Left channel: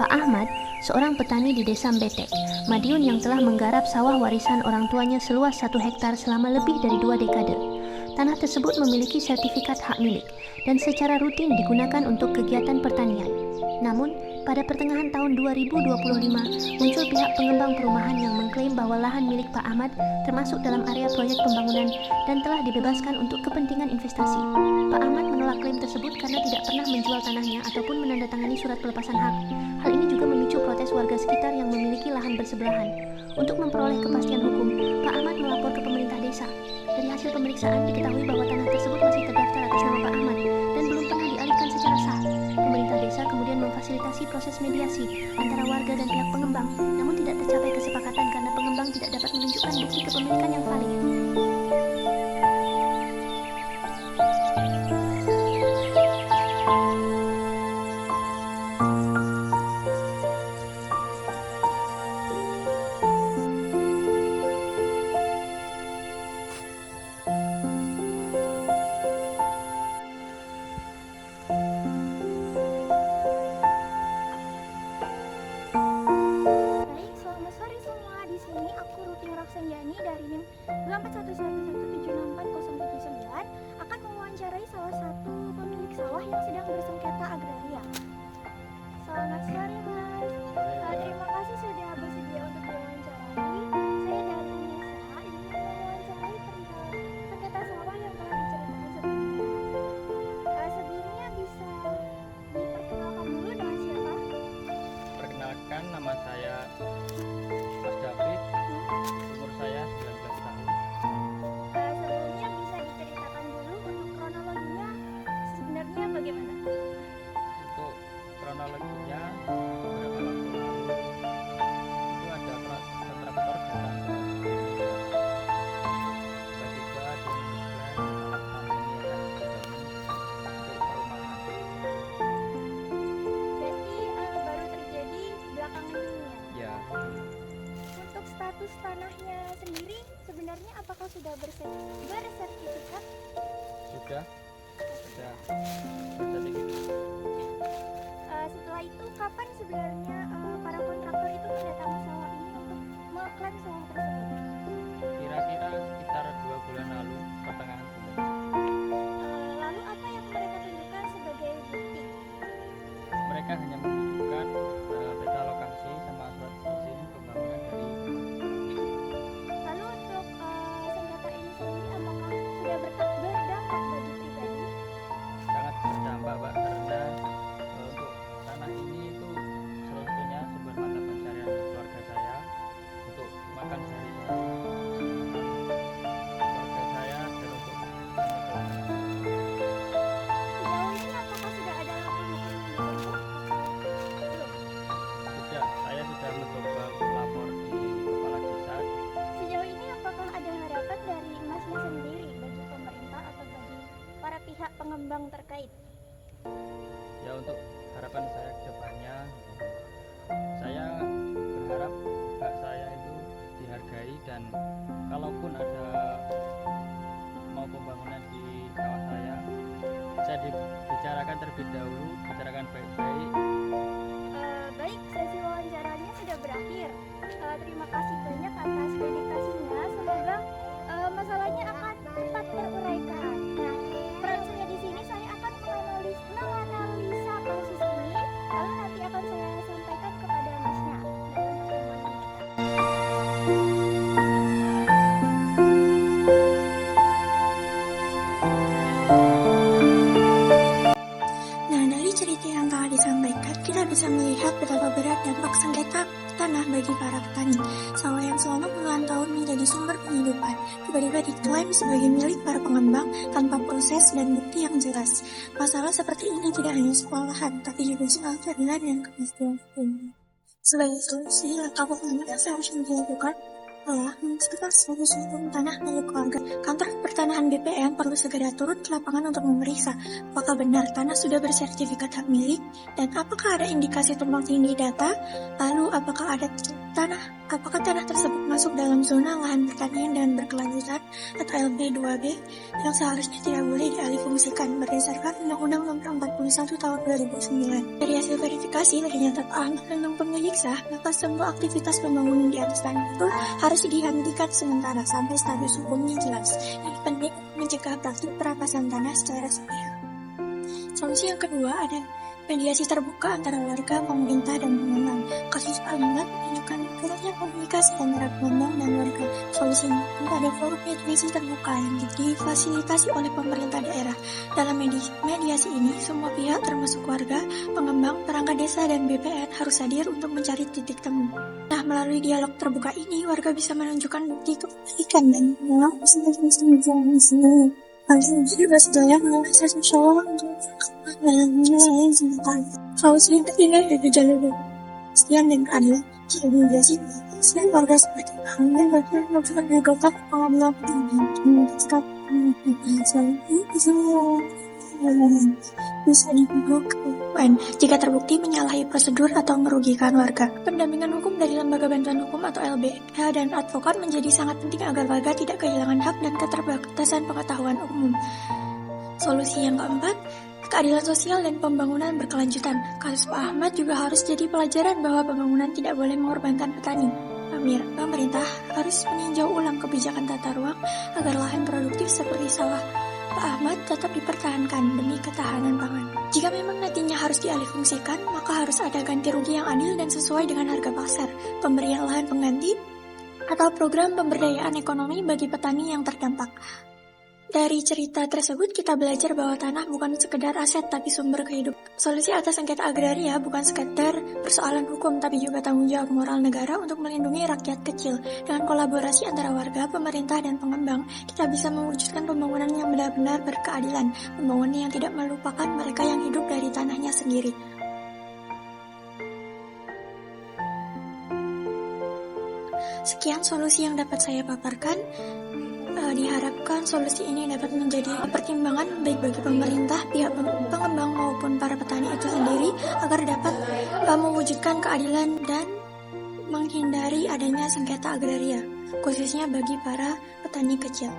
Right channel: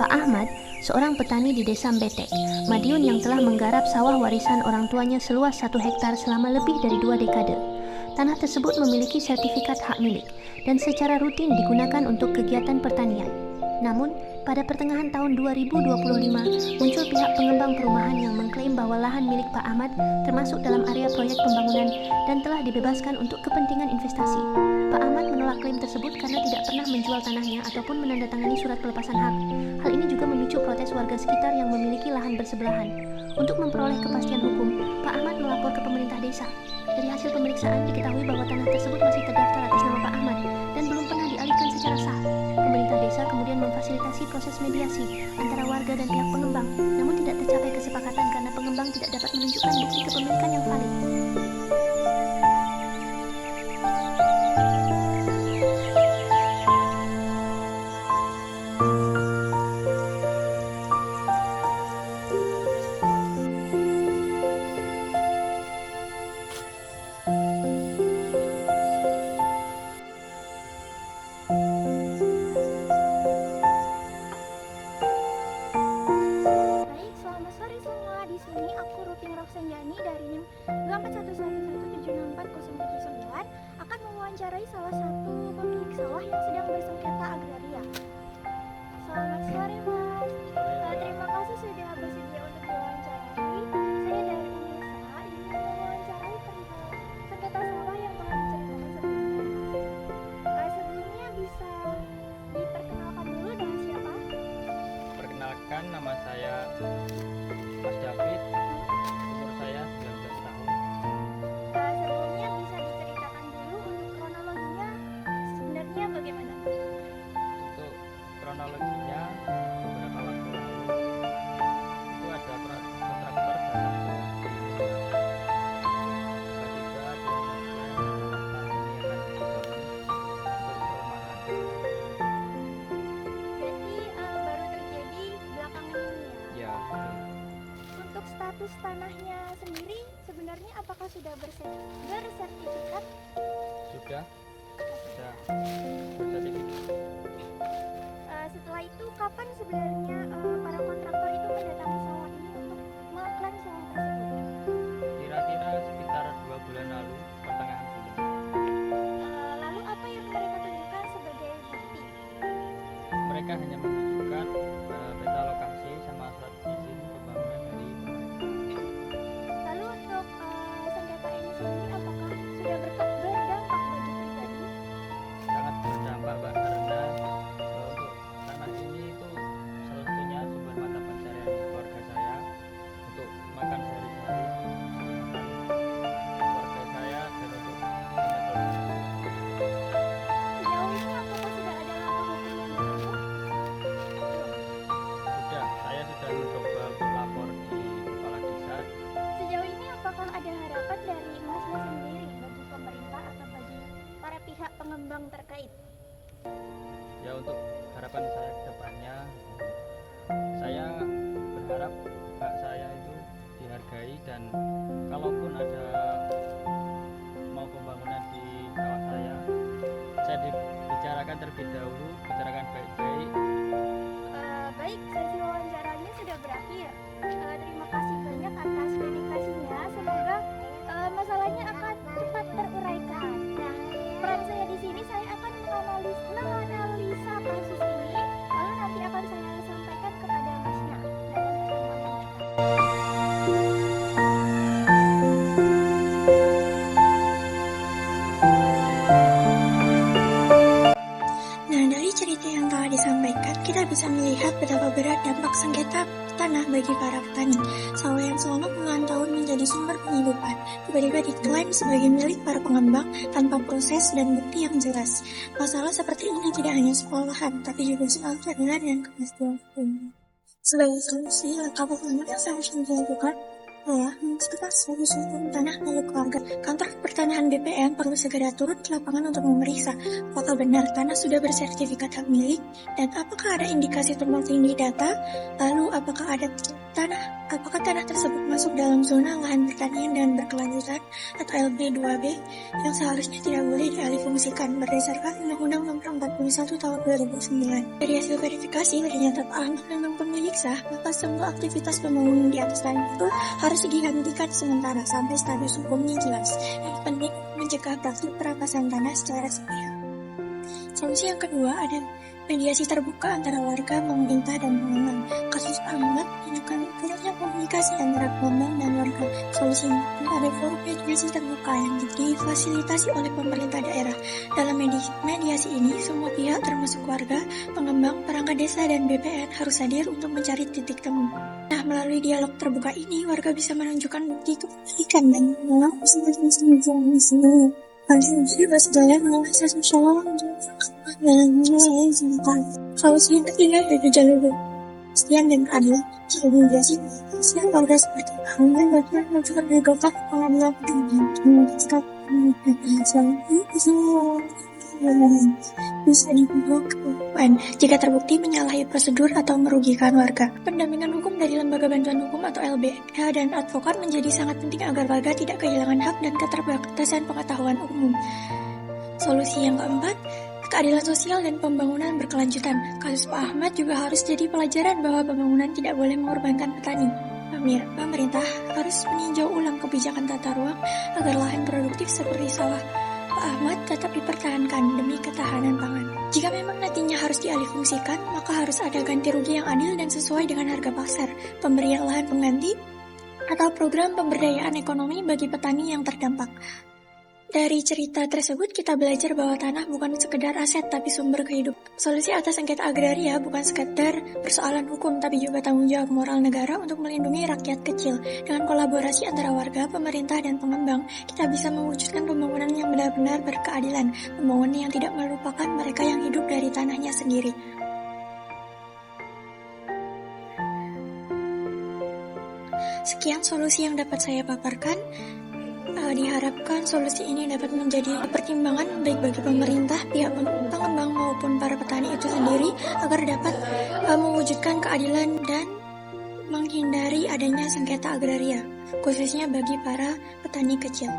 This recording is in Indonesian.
Pak Ahmad, seorang petani di desa Mbetek, Madiun yang telah menggarap sawah warisan orang tuanya seluas 1 hektar selama lebih dari 2 dekade. Tanah tersebut memiliki sertifikat hak milik dan secara rutin digunakan untuk kegiatan pertanian. Namun, pada pertengahan tahun 2025, muncul pihak pengembang perumahan yang mengklaim bahwa lahan milik Pak Ahmad termasuk dalam area proyek pembangunan dan telah dibebaskan untuk kepentingan investasi. Pak Ahmad menolak klaim tersebut karena tidak pernah menjual tanahnya ataupun menandatangani surat pelepasan hak. Hal ini juga memicu protes warga sekitar yang memiliki lahan bersebelahan. Untuk memperoleh kepastian hukum, Pak Ahmad melapor ke pemerintah desa. Dari hasil pemeriksaan diketahui bahwa tanah tersebut masih terdaftar atas nama Pak Ahmad dan belum pernah dialihkan secara sah. Pemerintah desa kemudian memfasilitasi proses mediasi antara warga dan pihak pengembang, namun tidak tercapai kesepakatan karena pengembang tidak dapat menunjukkan bukti kepemilikan yang valid. Baik, selamat sore semua. Di sini aku Rutin Raksanjani dari NIM 24111764079 akan mewawancarai salah satu pemilik sawah yang sedang bersengketa agraria. Selamat sore, Mas. Terima kasih sudah bersedia untuk diwawancarai. Saya dari UNESA ingin mewawancarai perihal sengketa sawah yang telah diceritakan sebelumnya. Sebelumnya bisa diperkenalkan dulu dengan siapa? Perkenalkan, nama saya Mas David, umur saya 19 tahun. Sebelumnya bisa diceritakan dulu untuk kronologinya sebenarnya bagaimana? Untuk kronologinya, beberapa waktu lalu itu ada kontraktor datang ke Indonesia. Tiba-tiba dia menyebutkan kalau tanah ini akan dibangun untuk perumahan. Berarti baru terjadi belakangan ini ya? Ya, Untuk status tanahnya sendiri sebenarnya apakah sudah bersertifikat? sudah bersertifikat. Setelah itu kapan sebenarnya para kontraktor itu mendatangi sawah ini untuk mengklaim sawah tersebut? Kira-kira sekitar 2 bulan lalu, pertengahan bulan. Lalu apa yang mereka tunjukkan sebagai bukti? Mereka hanya menunjukkan peta lokasi sama surat izin pembangunan dari pemerintah. Lalu untuk sengketa ini sendiri apakah sudah berdampak bagi pribadi? Sangat berdampak, Pak, karena untuk tanah ini itu salah satunya sumber mata pencarian keluarga saya untuk makan sehari-hari, makan keluarga saya dan untuk menyebabkan Sejauh ini apakah sudah ada langkah hukum yang ditempuh? Belum. saya sudah mencoba lapor di kepala desa. Sejauh ini apakah ada harapan dari Masnya sendiri bagi pemerintah atau bagi para pihak pengembang terkait? Ya, untuk harapan saya ke depannya, saya berharap hak saya itu dihargai, dan kalaupun ada mau pembangunan di sawah saya dibicarakan terlebih dahulu, bicarakan baik-baik. Baik, sesi wawancaranya sudah berakhir. Terima kasih banyak atas dedikasinya. Semoga masalahnya akan cepat teruraikan. Nah, peran saya di sini saya akan menganalisa kasus ini, lalu nanti akan saya sampaikan kepada Masnya dalam pertemuan mendatang. Nah, dari cerita yang telah disampaikan, kita bisa melihat betapa berat dampak sengketa tanah bagi para petani. Sawah yang selama puluhan tahun menjadi sumber penghidupan, tiba-tiba diklaim sebagai milik para pengembang tanpa proses dan bukti yang jelas. Masalah seperti ini tidak hanya soal lahan, tapi juga soal keadilan dan kepastian hukum. Sebagai solusi, langkah pertama yang seharusnya dilakukan adalah menciptakan status hukum tanah milik warga. Kantor Pertanahan BPN perlu segera turut ke lapangan untuk memeriksa apakah benar tanah sudah bersertifikat hak milik dan apakah ada indikasi tumpang tindih data, lalu apakah ada tanah Apakah tanah tersebut masuk dalam zona lahan pertanian dan berkelanjutan atau LB2B yang seharusnya tidak boleh dialihfungsikan berdasarkan Undang-Undang Nomor 41 Tahun 2009. Dari hasil verifikasi ternyata Ahmad memang pemilik sah, maka semua aktivitas pembangunan di atas tanah itu harus dihentikan sementara sampai status hukumnya jelas. Yang penting mencegah praktik perampasan tanah secara sepihak. Solusi yang kedua ada mediasi terbuka antara warga, pemerintah, dan pengembang. Kasus Ahmad menunjukkan kurangnya komunikasi antara pengembang dan warga. Solusinya ada forum mediasi terbuka yang difasilitasi oleh pemerintah daerah. Dalam mediasi ini, semua pihak termasuk warga, pengembang, perangkat desa, dan BPN harus hadir untuk mencari titik temu. Nah, melalui dialog terbuka ini, warga bisa menunjukkan bukti kebaikan dan menolak solusi yang ketiga yaitu jalur kepastian dan keadilan. Jika mediasi kepastian warga seperti Ahmad bahkan menunjukkan gugatan pengadilan bisa dibawa ke UN jika terbukti menyalahi prosedur atau merugikan warga. Pendampingan hukum dari Lembaga Bantuan Hukum atau LBH dan advokat menjadi sangat penting agar warga tidak kehilangan hak dan keterbatasan pengetahuan umum. Solusi yang keempat, keadilan sosial dan pembangunan berkelanjutan. Kasus Pak Ahmad juga harus jadi pelajaran bahwa pembangunan tidak boleh mengorbankan petani. Pemerintah harus meninjau ulang kebijakan tata ruang agar lahan produktif seperti sawah Pak Ahmad tetap dipertahankan demi ketahanan pangan. Jika memang nantinya harus dialihfungsikan, maka harus ada ganti rugi yang adil dan sesuai dengan harga pasar, pemberian lahan pengganti, atau program pemberdayaan ekonomi bagi petani yang terdampak. Dari cerita tersebut kita belajar bahwa tanah bukan sekedar aset tapi sumber kehidupan. Solusi atas sengketa agraria bukan sekedar persoalan hukum tapi juga tanggung jawab moral negara untuk melindungi rakyat kecil. Dengan kolaborasi antara warga, pemerintah, dan pengembang, kita bisa mewujudkan pembangunan yang benar-benar berkeadilan, pembangunan yang tidak melupakan mereka yang hidup dari tanahnya sendiri. Sekian solusi yang dapat saya paparkan. Diharapkan solusi ini dapat menjadi pertimbangan baik bagi pemerintah, pihak pengembang maupun para petani itu sendiri agar dapat mewujudkan keadilan dan menghindari adanya sengketa agraria, khususnya bagi para petani kecil.